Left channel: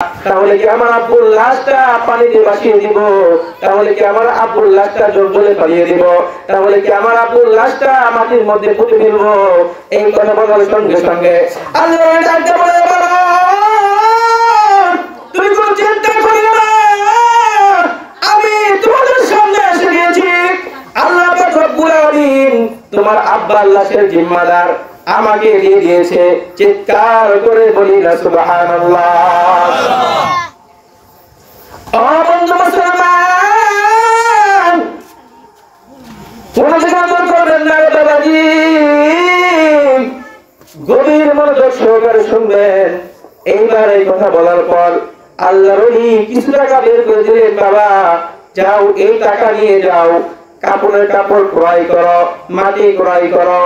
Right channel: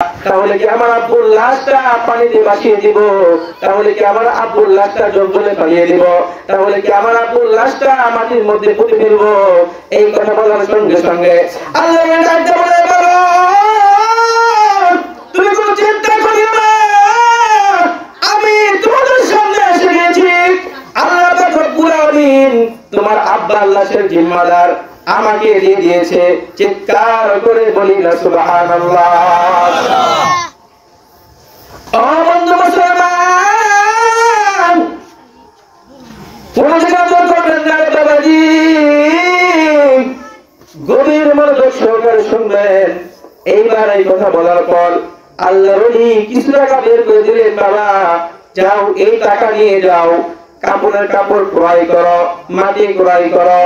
তাহলে কি আমার আব্বুর লাশটা পানিতে ভাসিয়ে দিব? তাহলে কি আমার আব্বুর লাশটা জলে পালিয়ে দিব? তাহলে কি আমার আব্বুর লাশটা মাটির মধ্যে পুঁতে ফেলবো? এই কথা বলার সঙ্গে সঙ্গে আল্লাহ ডাকতে বলে, বাবা তুমি কোনো চিন্তা করিও না, আমি তোমাদের সামনে এসে গেছি। আল্লাহ পাক রব্বুল আলামিন তোমার আব্বার লাশের জিম্মাদার আমাকে দিয়ে দিয়েছে। চিৎকার করে বলি না সুবহানাল্লাহ। ও বন্ধু মুসলমান, তোমরা যেটা করবেন না বাবাজি, গভীর মনোযোগ সহকারে শুনবেন। এইবার এই কথা বলার পর আল্লাহর ওলি কিছু টাকা বের করে দিলেন। বাবা যাও, এই টাকা নিয়ে যাও, কাপড়ের কাপড় ক্রয় করো, মাটি ক্রয় করো,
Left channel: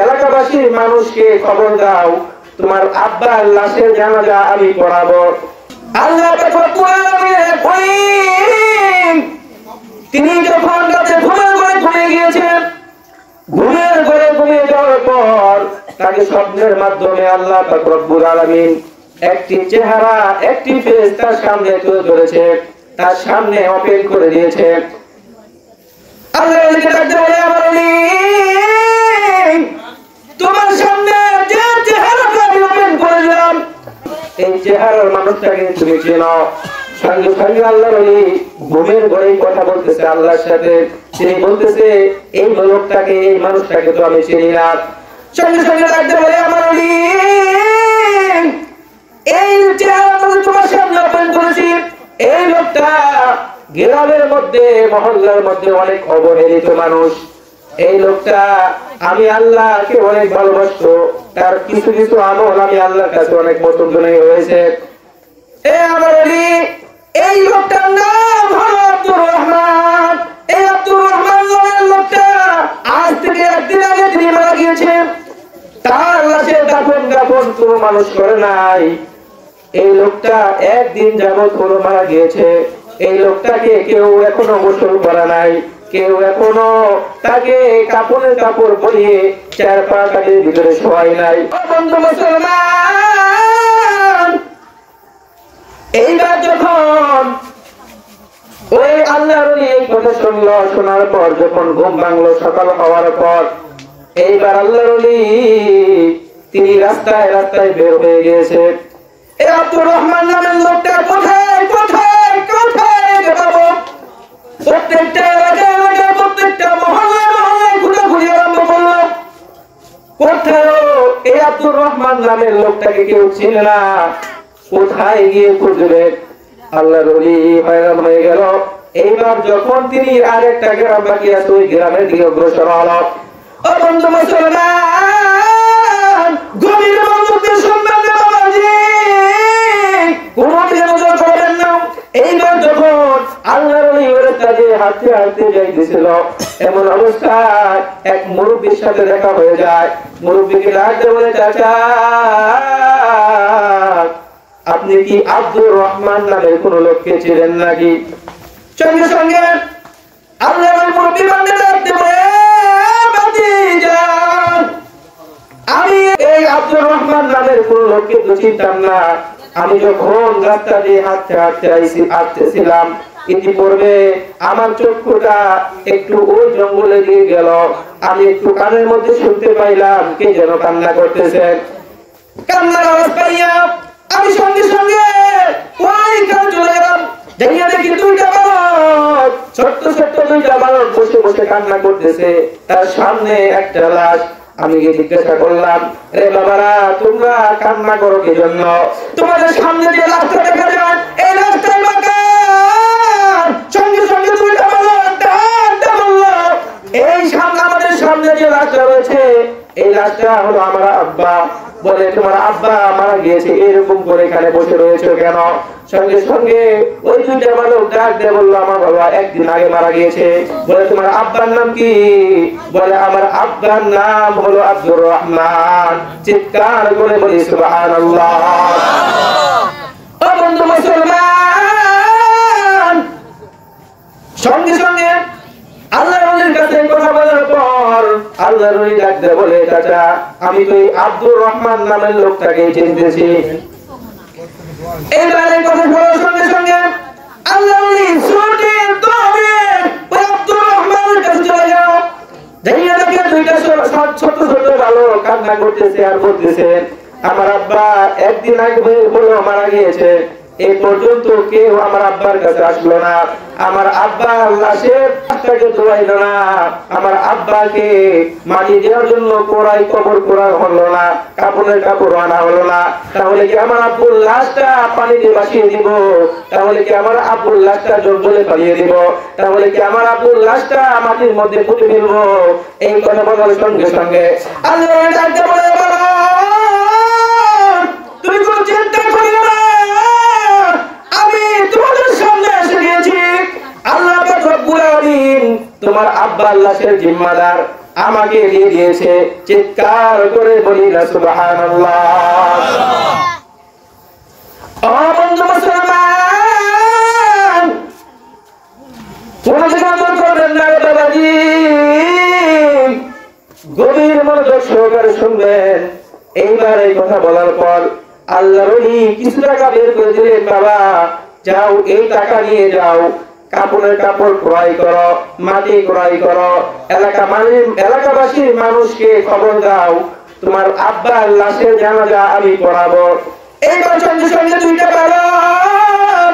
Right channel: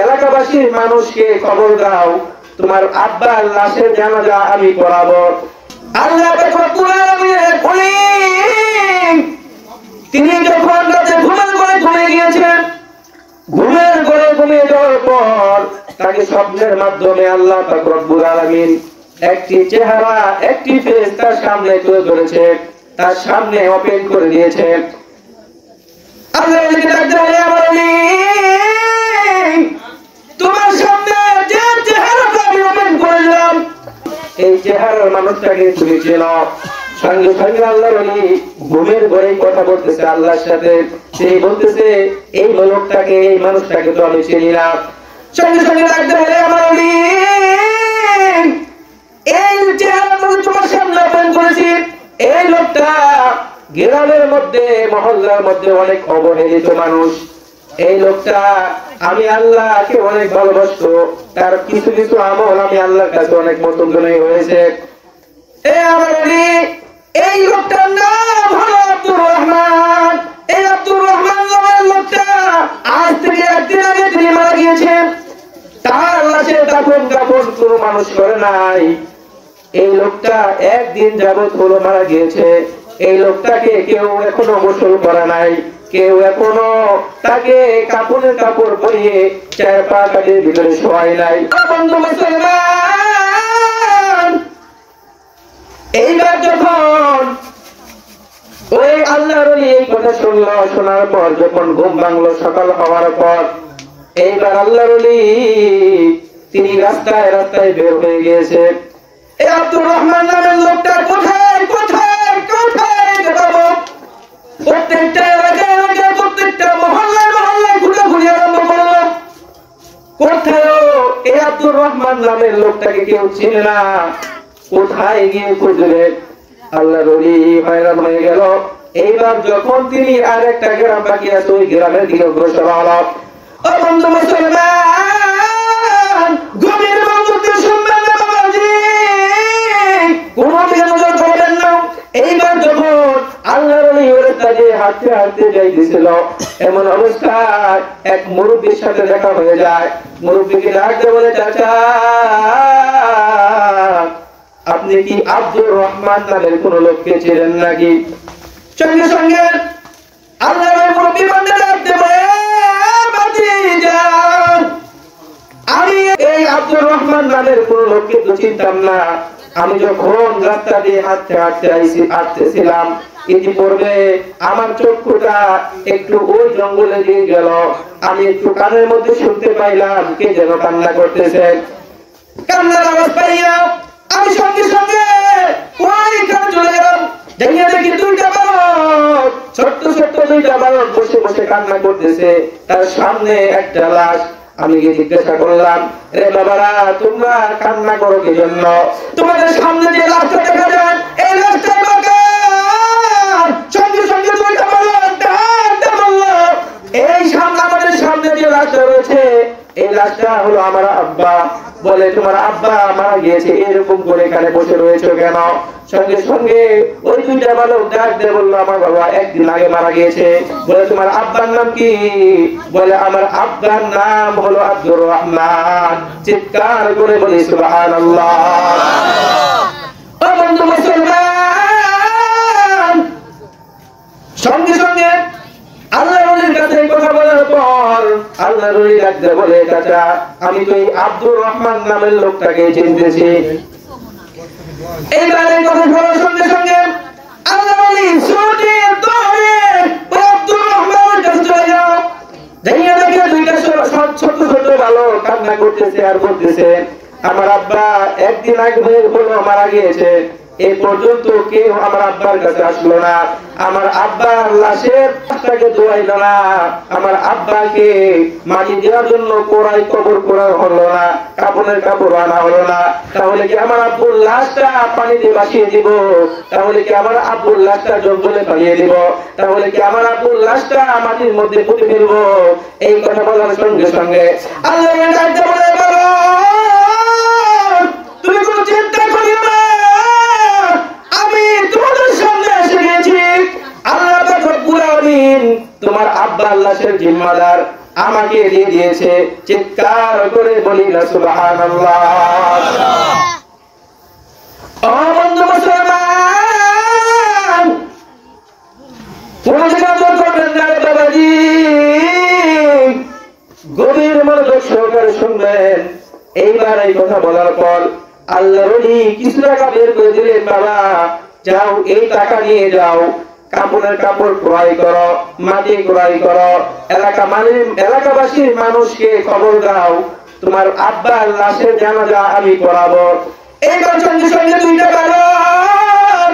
এলাকাবাসীর মানুষকে খবর দাও, তোমার আব্বার লাশের জানাজা আমি পড়াবো। আল্লাহ তিনি যখন রাতে ঘুমের ঘরে ঘুমিয়ে গিয়েছেন, ঘুমের ঘরে ঘুমিয়ে যাওয়ার পর তাকে স্বপ্নের মাধ্যমে আল্লাহ পাক রব্বুল আলামিন একটি চেহারা, একটি ফেস তার সামনে তুলে ধরেছে, তার সামনে ওপেন করে দিয়েছে। তোমার সামনে যে চেহারাটা আমি ওপেন করলাম, এই চেহারার মানুষটাকে তুমি চেনো। সঙ্গে সঙ্গে আল্লাহ বলি ঘুমের ঘরে কথা বলতেছে আল্লাহর সাথে। তিনি বলতেছে এই লোকটাকে, এই মানুষটাকে তো আমি চিনি না। সঙ্গে সঙ্গে ডাকতে বলে, আমার এই চেহারাটা তোমার সামনে ওপেন করেছি, এই লোকটা গ্রামের মধ্যে, মহল্লার মধ্যে অনেক অবহেলিত মানুষ। এই লোকটা আমি আল্লাহকে অনেক ভালোবাসতো, তার কিছু কিছু আমল আমি আল্লাহর কাছে অনেক মতজনই হয়েছে। এই লোকটার নাম হলো আব্দুর রহমান। এই আব্দুর রহমান নামের লোকটা আজ থেকে একদিন আগে তিনি মারা গিয়েছেন। তার লাশের দাফন কাফন কোনো মানুষ করে নাই। এই লোকটা একদিন যাবত হলো মারা গিয়েছে। এই লোকটাকে কেউ এখনো গোসল করা নাই, কেউ এখনো তাকে কাপড়ের কাপড় পরিয়ে চার পাকাটির ভিতরে শোয়াই নাই। বন্ধু মুসলমান, এইবার যখন ওই আল্লাহর এই কথা শুনলো, শোনার পর যখন ঘুম ভাঙলো সকাল হওয়ার পর, এইবার আল্লাহর তিনি রাস্তায় রাস্তায় বের হয়ে গিয়েছে। এই আব্দুর রহমান নামের লোকটা কোথায় কোথায় কোথায় যাবো? প্রত্যেকটা এলাকায় এলাকায়, প্রত্যেকটা মহল্লায় মহল্লায় ঘুরে আরম্ভ করলো। কোথায় এই আব্দুর রহমান নামের লোকটাকে কেউ চিনে না, কোথায় গিয়ে খুঁজবে? আল্লাহর ওলি হয়রান হয়ে গেল। এইবার যখন তিনি আরেকটা গ্রাম বাকি আছে, ওই গ্রামের দিকে অগ্রসর হলো। ও বন্ধু মুসলমান, গভীর মনোযোগ দিয়ে শুনবেন না বাবাজি, কোনদিন নজর করবেন না। এইবার যখন আল্লাহর ওলি ওরতাজে হাঁটতে হাঁটতে যাইতেছিল, এমন অবস্থায় এক মুরব্বীর সাথে দেখা হয়ে যায়। মুরব্বীকে ডাকতে বলে, চাচা আপনি কি আব্দুর রহমান নামের কোন লোককে চিনেন নাকি? সঙ্গে সঙ্গে আল্লাহর মুরব্বী বান্দা ডাকতে বলে, ভাতিজা আমি এই আব্দুর রহমান নামের কোন লোককে তো চিনতাম না। আমি যখন রাস্তা দিয়ে হাঁটতেছিলাম, ইতিপূর্বে আমার চক্ষুটা একটু ওই জঙ্গলে দিয়ে গেল। আমি একটু কানের মধ্যে শুনতে পাইলাম কে যেন কান্না করতেছে। কান্নার আওয়াজ পাইয়া আমি সঙ্গে সঙ্গে ওইখানে চলে গেলাম। যাইয়া দেখি দুইটা বালক, ছোট্ট ছোট্ট দুইটা বালক বসে বসে কান্না করতেছে, তার সামনে একটা লাশ। আমি গিয়ে জিজ্ঞাসা করলাম, রে বাবারা তোমরা কান্না করো কি জন্য? তোমাদের সামনে যে লাশটা দেখা যায় এই লাশটাই বাকার। সঙ্গে সঙ্গে দুইটা বালক ডাকতে বলল, এই সামনে আমাদের সামনে যে লাশটা রয়েছে এই লাশটা হলো আমার আব্বা। বলে, তোমার আব্বা মারা গিয়েছে, এরকম করে এখানে বসে রয়েছে কেন? সঙ্গে সঙ্গে ওই দুইটা বালক ডাক দিয়ে বললো, আমার বাবা একদিন আগে মারা গিয়েছে। বলে, তোমার আব্বার নাম কি? বলে, আমার আব্বার নাম হলো আব্দুর রহমান। চিৎকার করে বলি সুবহানাল্লাহ। ও বন্ধু মুসলমান, সঙ্গে সঙ্গে আল্লাহর ওলির কাছে কথা বলার পর আল্লাহর ওলি ডাক দিয়ে বলে, চাচা আমি তো এই আব্দুর রহমান নামের লোকটাকে চিনতেছি। এইবার এই কথা শোনার সঙ্গে সঙ্গে আল্লাহ ওলি ছুটে দৌড়ে ওই আব্দুর রহমানের কাছে চলে গেল। যাইয়া দেখে দুইটা ছোট ছোট বালক কান্না করতেছে আর বলতেছে, আমার আব্বা একদিন আগে হলো মারা গিয়েছে, এই পর্যন্ত কেউ আমার আব্বার কাছে আসলো না, আমার আব্বার লাশের তাকে ধোয়াইল না, আমার আব্বাকে মাটি দেওয়ার জন্য কবর করা হলো না, কাপড়ের কাপড় আনা হলো না, তাহলে কি আমার আব্বুর লাশটা পানিতে ভাসিয়ে দিব? তাহলে কি আমার আব্বুর লাশটা জঙ্গলে পালিয়ে দিব? তাহলে কি আমার আব্বুর লাশটা মাটির মধ্যে পুঁতে ফেলবো? এই কথা বলার সঙ্গে সঙ্গে আল্লাহ ডাকতে বলে, তুমি কোনো চিন্তা করিও না, আমি তোমাদের সামনে এসে গেছি। আল্লাহ পাক রব্বুল আলামিন তোমার আব্বার লাশের জিম্মাদার আমাকে দিয়ে দিয়েছে। চিৎকার করে বলি না সুবহানাল্লাহ। ও বন্ধু মুসলমান, তুমি যখন করবেন না বাবাজি, গভীর মনোযোগ সহকারে শুনবেন। এইবার এই কথা বলার পর আল্লাহর ওলি কিছু টাকা বের করে দিলেন, বাবা যাও এই টাকা নিয়ে যাও, কাপড়ের কাপড় ক্রয় করো, মাটি ক্রয় করো, এলাকাবাসীর মানুষকে খবর দাও, তোমার আব্বার লাশের জানাজা আমি পড়াবো। এইবার সঙ্গে সঙ্গে দুইটা বালক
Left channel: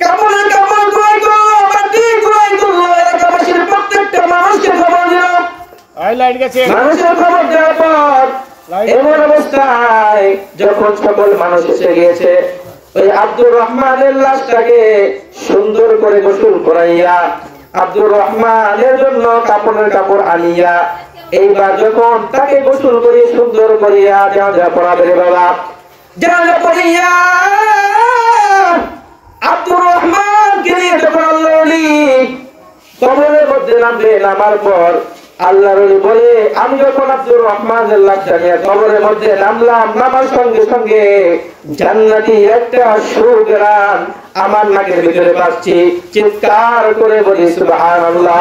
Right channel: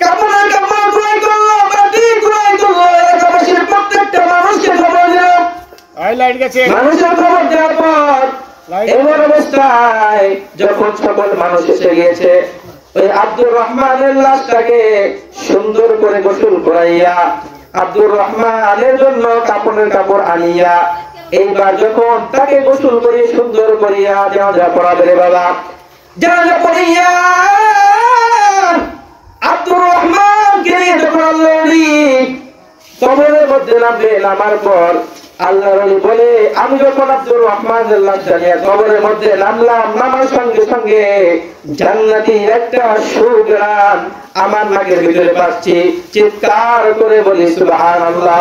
কাপড়ের কাপড় ক্রয় করলো, মাটি ক্রয় করলো, এলাকাবাসীর প্রত্যেকটা মানুষকে খবর দিল। মানুষের খবর দেওয়ার পর এমন অবস্থায় যখন সকল মানুষ এসে গিয়েছে, ওই আব্দুর রহমানের লাশটাকে সুন্দর করে গোসল করাইয়া, আব্দুর রহমানের জন্য কাপড়ের কাপড় আনিয়া, এইবার যখন তাকে গোসল করে সুন্দর করিয়া জানাজা পড়াবে বাবা, জানাজা পড়িয়া আব্দুর রহমানকে নিয়ে যখন আল্লাহর ওলি কবরের মধ্যে নামবে, নামার পর আল্লাহর ওলি বলে, আমি যখন আব্দুর রহমানের লাশটা নিয়ে কবরের মধ্যে নামলাম, নামার সঙ্গে সঙ্গে জান্নাতি একটা সুঘ্রাণ আমার নাকের ভিতরে পাচ্ছি। চিৎকার করে বলি সুবহানাল্লাহ।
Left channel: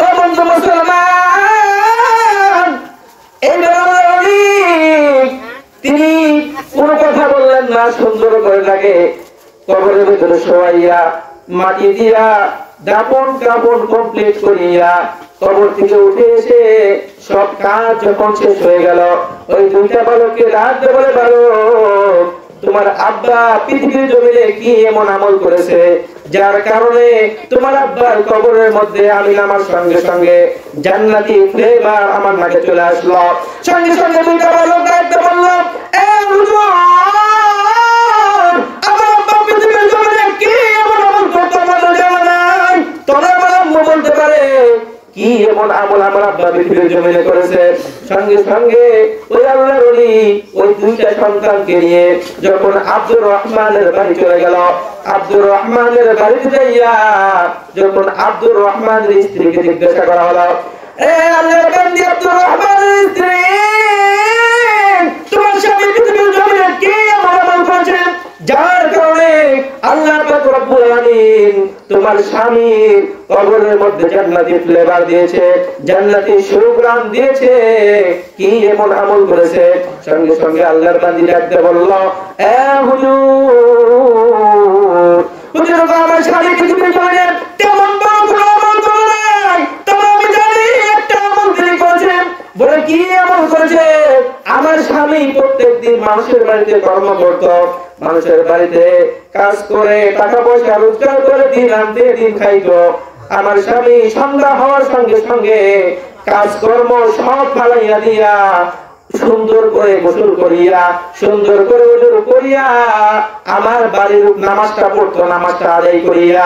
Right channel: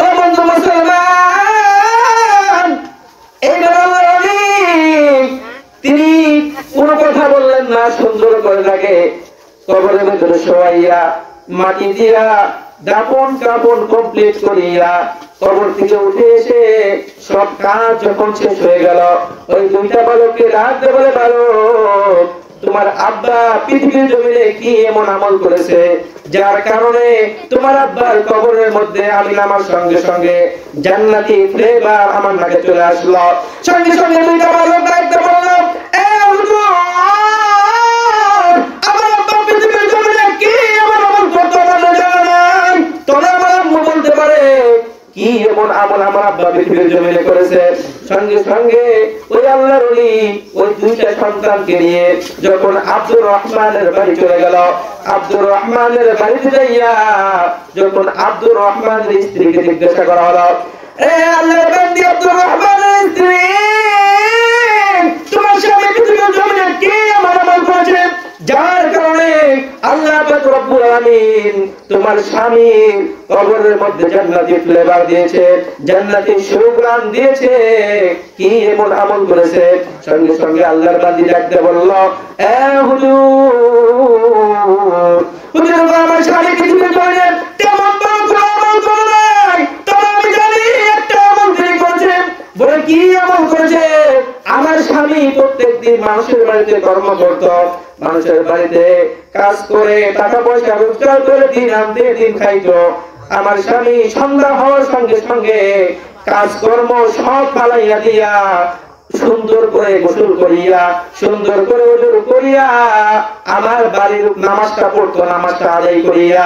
ও বন্ধু মুসলমান, এইবার আল্লাহর ওলি তিনি কোনো কথা বললেন না, সুন্দর করে তাকে কবরের ভিতরে শোয়াইয়া মাটি দিয়া দাপন কাপন কমপ্লিট করিয়া কবর থেকে উঠে এসে সব কাজ যখন শেষ হয়ে গেল, ওই দুইটা বালককে রাত বলে, বালক তোমার আব্বা পৃথিবীর জমিনে কি এমন আমল করেছে যার কারণে তোমার আব্বার কবরের মধ্যে আমি নামার সঙ্গে সঙ্গে জান্নাতি ফ্লেভার আমার নাকে চলে আসলো। সঙ্গে সঙ্গে দুইটা বালক ডাকতে বলল, এ হুজুর, আমার আব্বা পৃথিবীর জমিনে কি এমন আমল করতে আমাদের জানা নাই, তবে আমার আম্মু বলতে পারে কি এমন আমল আমার আব্বা পৃথিবীর জমিনে করেছে। সঙ্গে সঙ্গে ওই আল্লাহর ওলি ওই দুইটা সন্তানকে নিয়ে যখন আব্দুর রহমানের বাড়ি চলে গেল, আব্দুর রহমানের বাড়িতে যাইয়া যখন আব্দুর রহমানের স্ত্রীকে জিজ্ঞাসা করা হলো, এ আল্লাহর বান্দি আব্দুর রহমানের স্ত্রী, তোমার স্বামী পৃথিবীর জমিনে কি এমন আমল করেছে যার কারণে আল্লাহ পাক রব্বুল আলামিন তোমার স্বামী কবরের মধ্যে জান্নাতি ফ্লেভার দিয়েছে, জান্নাতি সুঘ্রাণ দিয়েছে, কি এমন আমল করেছে? সঙ্গে সঙ্গে আল্লাহর বান্দি ডাকতে বলল, এ হুজুর, হুজুর আমার স্বামী পৃথিবীর জমিনে তেমন বড় কোনো আমল করে নাই, তবে আমি জানি একটা আমল তিনি করেছেন। বলে কি আমল করেছে? আমার স্বামী প্রত্যেকদিন মানুষের বাড়িতে কর্ম করত, মানুষের বাড়িতে কাজ করে টাকা পয়সা রোজগার করে দিন আনতে দিন খাইতো। আমার স্বামী সন্ধ্যা হওয়ার সঙ্গে সঙ্গে কাজকর্ম সব ফালাইয়া দিয়া সুন্দর করে গোসল করিয়া সুন্দর করে ওজু করিয়া আমার বাড়ির নামাজটা পড়তো, নামাজটা আদায় করিয়া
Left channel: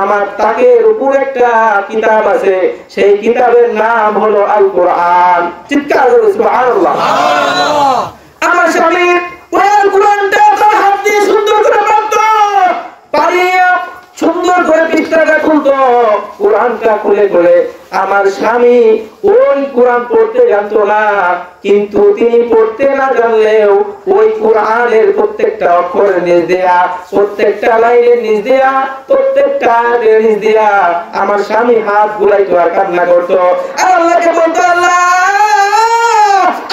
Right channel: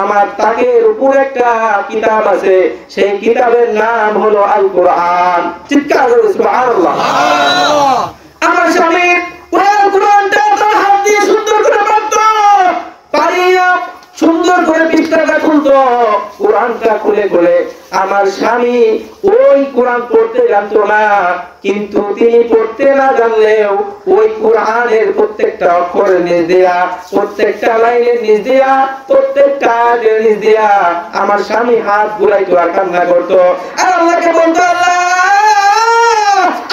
আমার তাকের উপর একটা কিতাব আছে, সেই কিতাবের নাম হলো আল কোরআন। চিৎকার করে সুবহানাল্লাহ। আমার স্বামী ওই আল কোরআনটা তার হাত দিয়ে সুন্দর করে পড়তো, পারিয়া সুন্দর করে পৃষ্ঠাটা খুলতো, কোরআনটা খুলে খুলে। আমার স্বামী ওই কোরআন পড়তে জানতো না, কিন্তু তিনি পড়তে না জানলেও ওই কোরআনের প্রত্যেকটা অক্ষরের নিচ দেয়া, প্রত্যেকটা লাইনের নিচ দেয়া, প্রত্যেকটা আয়াতের নিচ দেয়া আমার স্বামী হাত ঘুরাইতো আর কান্না করতো আর আল্লাহকে বলতো, আল্লাহ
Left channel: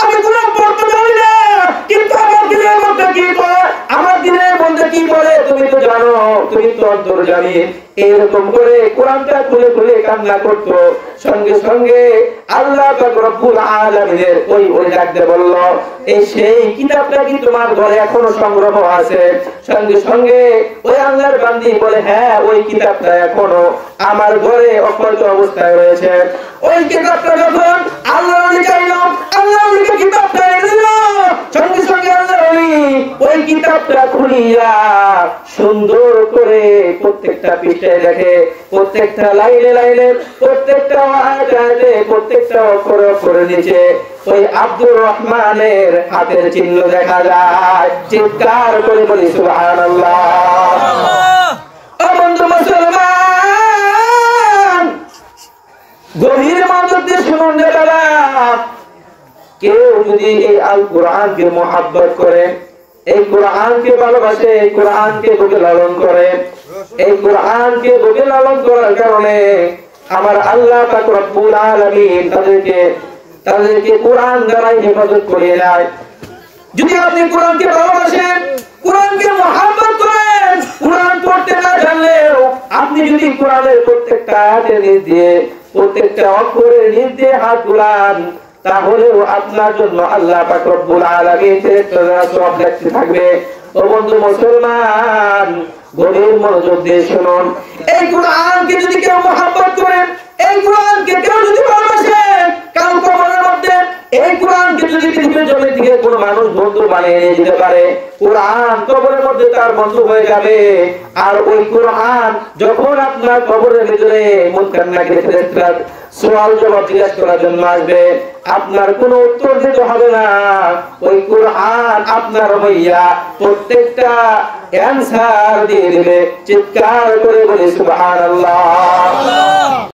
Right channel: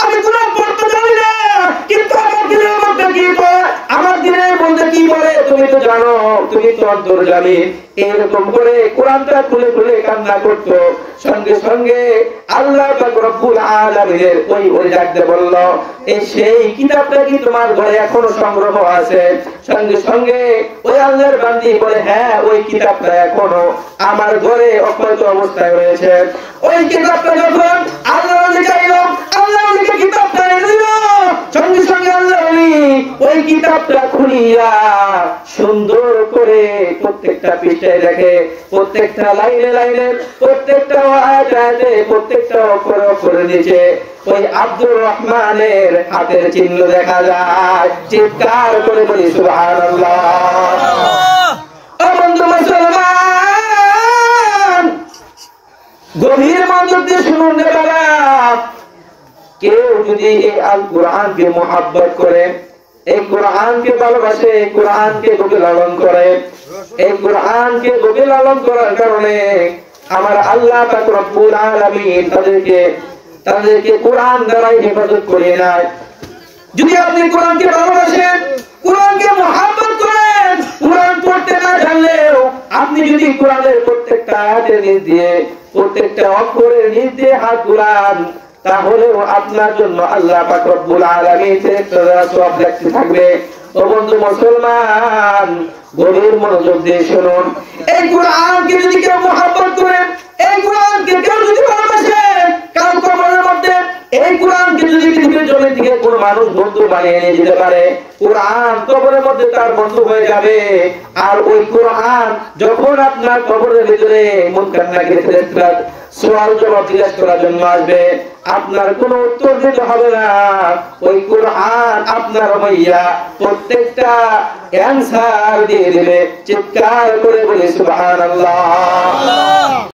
আমি কোরআন পড়তে জানি না, কিন্তু আমার দিলের মধ্যে কি তুমি তো অন্তর্যামী, এরকম করে কোরআনটা খুলে খুলে কান্না করতো। সঙ্গে সঙ্গে আল্লাহ পাক রব্বুল আলামিনের ওই ডাকতে বলল, এই সেই কিতাবটা কি তোমার ঘরে এখনো সংগ্রহ আছে? সঙ্গে সঙ্গে ওই আল্লাহর বান্দি বলে, হ্যাঁ ওই কিতাবটা এখনো আমার ঘরে অক্ষত অবস্থায় রয়েছে। ওই কিতাবটা যখন আল্লাহ চাইল, আল্লাহ কিতাবটা দিল। সঙ্গে সঙ্গে আল্লাহ ওই কিতাবটা খুলিয়া সুন্দর করে প্রত্যেকটা পৃষ্ঠায় দেখে, প্রত্যেকটা লাইনে লাইনে, প্রত্যেকটা আয়াতে, প্রত্যেকটা অক্ষরে অক্ষরে নিচে ওই আব্দুর রহমানের হাতের চিহ্ন দেখা যায়। চিৎকার করে বলি সুবহানাল্লাহ। ও বন্ধু মুসলমান, গভীর মনোযোগ দিয়ে শুনুন রে বাবা। কেউ যদি এই আল কোরআনকে মুহাব্বত করে, এই কোরআনকে ভালোবাসে, এই কোরআনকে বুকে লালন করে, এই কোরআনকে বুকে লালন করার কারণে আমার আল্লাহ পাক রব্বুল আলামিন তাদেরকে কোরআন দ্বারা হেফাজত করে দেয়। যদি আপনি কোরআনকে ভালোবাসেন, কোরআনকে মুহাব্বত করেন, কোরআন পড়তে না জানলেও আপনি যদি কোরআনের প্রত্যেকটা আয়াতের নিচ দিয়ে, প্রত্যেকটা অক্ষরের নিচ দিয়ে হাত বুলান, তাহলেও আপনার জন্য আল্লাহ পাক রব্বুল আলামিন সওয়াব দেখতে থাকবে। ও বন্ধু মুসলমান, গভীর মনোযোগ দিয়ে শুনুন। এই কোরআনকে যদি কেউ মুহাব্বত করেন, এই কোরআনকে কেউ যদি ভালোবাসেন, কাল কবরের মধ্যে এই কোরআনকে যদি পৃথিবীর জমিন থেকে কোনো মানুষ বন্ধু বানিয়ে নিয়ে যেতে পারে, কোরআন কবরের মধ্যে তার বন্ধু হয়ে যাবে। আর ওই কোরআন যখন আপনার কবরের ভিতরে মুনকার নাকির ফেরেশতারা সওয়াল জবাব জিজ্ঞাসা করার জন্য আসবে, আপনার কোনো উত্তর দিতে হবে না। ওই কোরআন আপনার হইয়া প্রত্যেকটা অ্যানসার দিয়ে দিবে। চিৎকার করে বলি সুবহানাল্লাহ।